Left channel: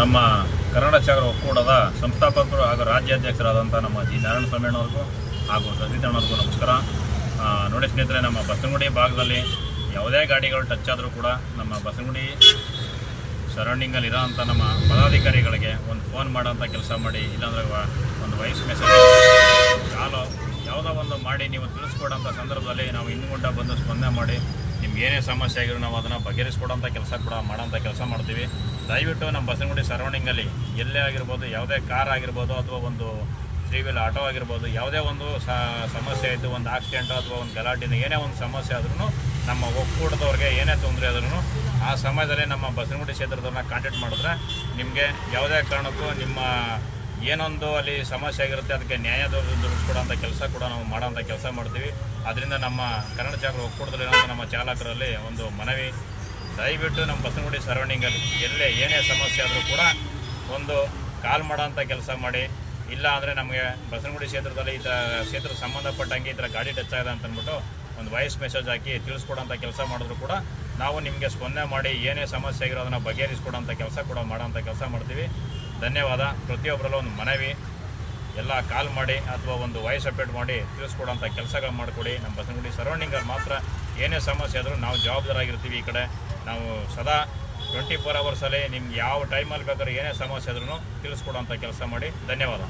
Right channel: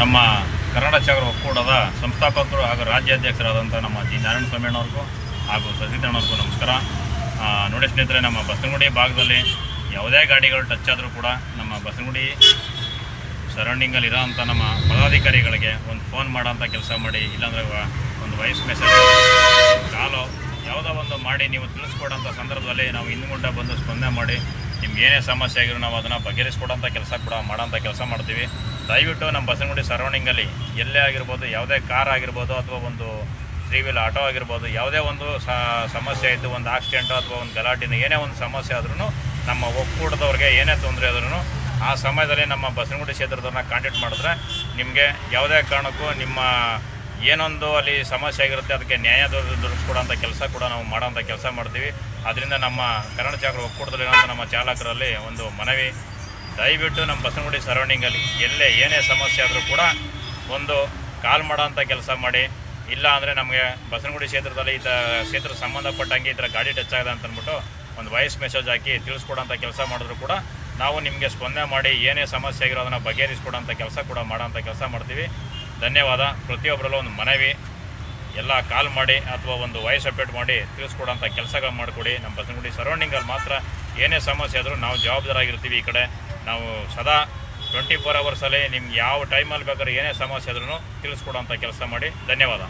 ನಮ್ಮ ಕನ್ನಡ ಚಾಗರ ಒಕ್ಕೂಟದ ಸಂಸ್ಥಾಪಕರು ಹಾಗೂ ರಾಜ್ಯಾಧ್ಯಕ್ಷರಾದಂಥ ನಮ್ಮ ಜಿ ನಾರಾಯಣಸ್ವಾಮಿಯಣ್ಣವ್ರಿಗೂ ಹಾಗೂ ಸತೀಶಣ್ಣವ್ರಿಗೂ ನಮಸ್ಕಾರ. ನೋಡಿ ಸ್ನೇಹಿತರೆ, ನಮ್ಮ ಬಸವನಗುಡಿ ಭಾಗದಲ್ಲಿ ಯಾವುದೇ ಗಾಡಿಗಳು ಟಚ್ ಆದರೂ ಕೂಡ ನಮ್ಮ ಬಸವನಗುಡಿ ಸರೌಂಡಿಂಗಲ್ಲಿ ಇರೋಂಥ ನಮ್ಮ ಪದಾಧಿಕಾರಿಗಳಿಗೆ ಒಂದು ಫೋನ್ ಮಾಡೋಂಥ ಕೆಲಸ ಮಾಡಿ, ಇಲ್ಲಾಂದರೆ ಒಂದು ವಾಯ್ಸ್ ಮೆಸೇಜ್ ಕಾಲು ಯಾವುದೋ ಒಂದು ಮಾಡಿ ನೀವು ತಿಳಿಸ್ಕೊಡೋಂಥ ಸಂದರ್ಭದಲ್ಲಿ ನಾವು ಹಿಂದ್ಗುಂಟ ಬಂದು ಸ್ಪಂದನೆ ಮಾಡಿ ನಿಮ್ಗೆ ಏನೇ ಸಮಸ್ಯೆ ಆಗಿರೋ ನಾವು ಅದನ್ನು ಬಗೆಹರಿಸ್ಕೊಡೋಂಥ ಕೆಲಸ ಕೂಡ ಮಾಡೋಂಥ ಕೆಲಸ ಮಾಡ್ತೀವಿ. ದಯವಿಟ್ಟು ನಮ್ಮ ಬಸವನಗುಡಿ ಸರೌಂಡಿಂಗಲ್ಲಿ ಎಲ್ಲೇ ಆಗಿರ್ಬೋದು, ಯಾವುದೇ ಕಾರ್ ಆಗಿರ್ಬೋದು ಅಥವಾ ಒಂದು 3 ವೀಲ್ ಆಟೋ ಆಗಿರ್ಬೋದು, ಯಾವುದೇ ಒಂದು ಸಮಸ್ಯೆ ಇದ್ದು ಒಂದು ಆಕ್ಸಿಡೆಂಟು ಅಥವಾ ಒಂದು ಗಲಾಟೆಯಿಂದ ಏನೇ ಒಂದು ಸಮಸ್ಯೆ ಆದ್ರೂ ನಮ್ಮ ಒಕ್ಕೂಟದವ್ರಿಗೆ ಏನೇ ತೊಂದರೆ ಆದ್ರೂ ಆ ಸಮಯದಲ್ಲಿ ನಮ್ಮ ಬಸವನಗುಡಿ ಕ್ಷೇತ್ರದವ್ರನ್ನ ಕಾಂಟ್ಯಾಕ್ಟ್ ಮಾಡಿದ್ರೆ ನಿಮಗೆ ಯಾವುದೇ ಕಾರಣಕ್ಕೂ ನಿಮ್ಮ ಏನೊಂದು ಅಲ್ಲಿ ಸಮಸ್ಯೆ ಆಗಿರುತ್ತೆ ಅದಕ್ಕೆ ನ್ಯಾಯ ದೊರಕಿಸ್ಕೊಡೋಂಥ ಕೆಲಸ ಕೂಡ ನಾವು ಮಾಡೋಂಥ ಕೆಲಸ ಮಾಡ್ತೀವಿ. ಅದರಿಂದ ನಮ್ಮ ಕನ್ನಡ ಚಾಗರ ಒಕ್ಕೂಟದಲ್ಲಿರೋಂಥ ನಮ್ಮ ಚಾಲಕರಲ್ಲಿ ಒಂದು ಮನವಿ, ದಯವಿಟ್ಟು ನಮ್ಮ ಬಸವನಗುಡಿ ಸರೌಂಡಿಂಗಲ್ಲಿ ಎಲ್ಲೇ ಏನೇ ಸಮಸ್ಯೆ ಆದರೂ ಕೂಡ ಒಂದು ಕಾಲ್ ಮಾಡೋಂಥ ಕೆಲಸ ಮಾಡಿ. ಇಲ್ಲ ಅಂದರೆ ನಮಗೆ ಬಸವನಗುಡಿ ಕ್ಷೇತ್ರದಲ್ಲಿ ಕ್ಷೇತ್ರ ಸಂಬಂಧಪಟ್ಟಂಗೆ ಈ ಥರ ಗಾಡಿ ಟಚ್ ಆಗಿದೆ ಅಂತ ಅಂದ್ಬಿಟ್ಟು ಒಂದು ವಾಯ್ಸ್ ಮೆಸೇಜ್ ಹಾಕಿ ತಿಳಿಸ್ಕೊಡೋಂಥ ಕೆಲಸ ಮಾಡಿದ್ರು ಕೂಡ ನಾವು ನಿಮಗೆ ಸ್ಪಂದನೆ ಮಾಡಿ ಏನೇ ಸಮಸ್ಯೆ ಆಗಿರೋ ಅದನ್ನು ಬಗೆಹರಿಸ್ಕೊಡೋಂಥ ಕೆಲಸ ಕೂಡ ಮಾಡೋಂಥ ಕೆಲಸ ಮಾಡ್ತೀವಿ. ಧನ್ಯವಾದ. ಪ್ರತಿಯೊಬ್ಬರಲ್ಲೂ ಒಂದು ಮನವಿ, ಎಲ್ಲ ಕಾಲ್ ಮಾಡಿ ಅಥವಾ ಒಂದು ವಾಯ್ಸ್ ಅಪ್ಡೇಟ್ ಮಾಡಿ ತಿಳಿಸ್ಕೊಡೋಂಥ ಕೆಲಸಗಳು ಮಾಡಿಕೊಡಿ. ನಮ್ಮ ಬಸವನಗುಡಿ ಸರೌಂಡಿಂಗಲ್ಲಿ ಮಾತ್ರ ಏನೇ ಸಮಸ್ಯೆ ಆದರೂ ನಾವು ಜವಾಬ್ದಾರಾಗಿರ್ತೀವಿ. ಈ ಕಡೆ ನಾವು ಸದಾ 24 ಅವರ್ಸಲ್ಲಿ ನಿಮ್ಗೆ ಯಾವ ಟೈಮಲ್ಲಿ ಬೇಕಾದ್ರೂ ಏನೇ ಸಮಸ್ಯೆ ಆದ್ರೂ ತಿಳಿಸ್ಕೊಡೋಂಥ ಕೆಲಸ ಮಾಡಿ. ಧನ್ಯವಾದ.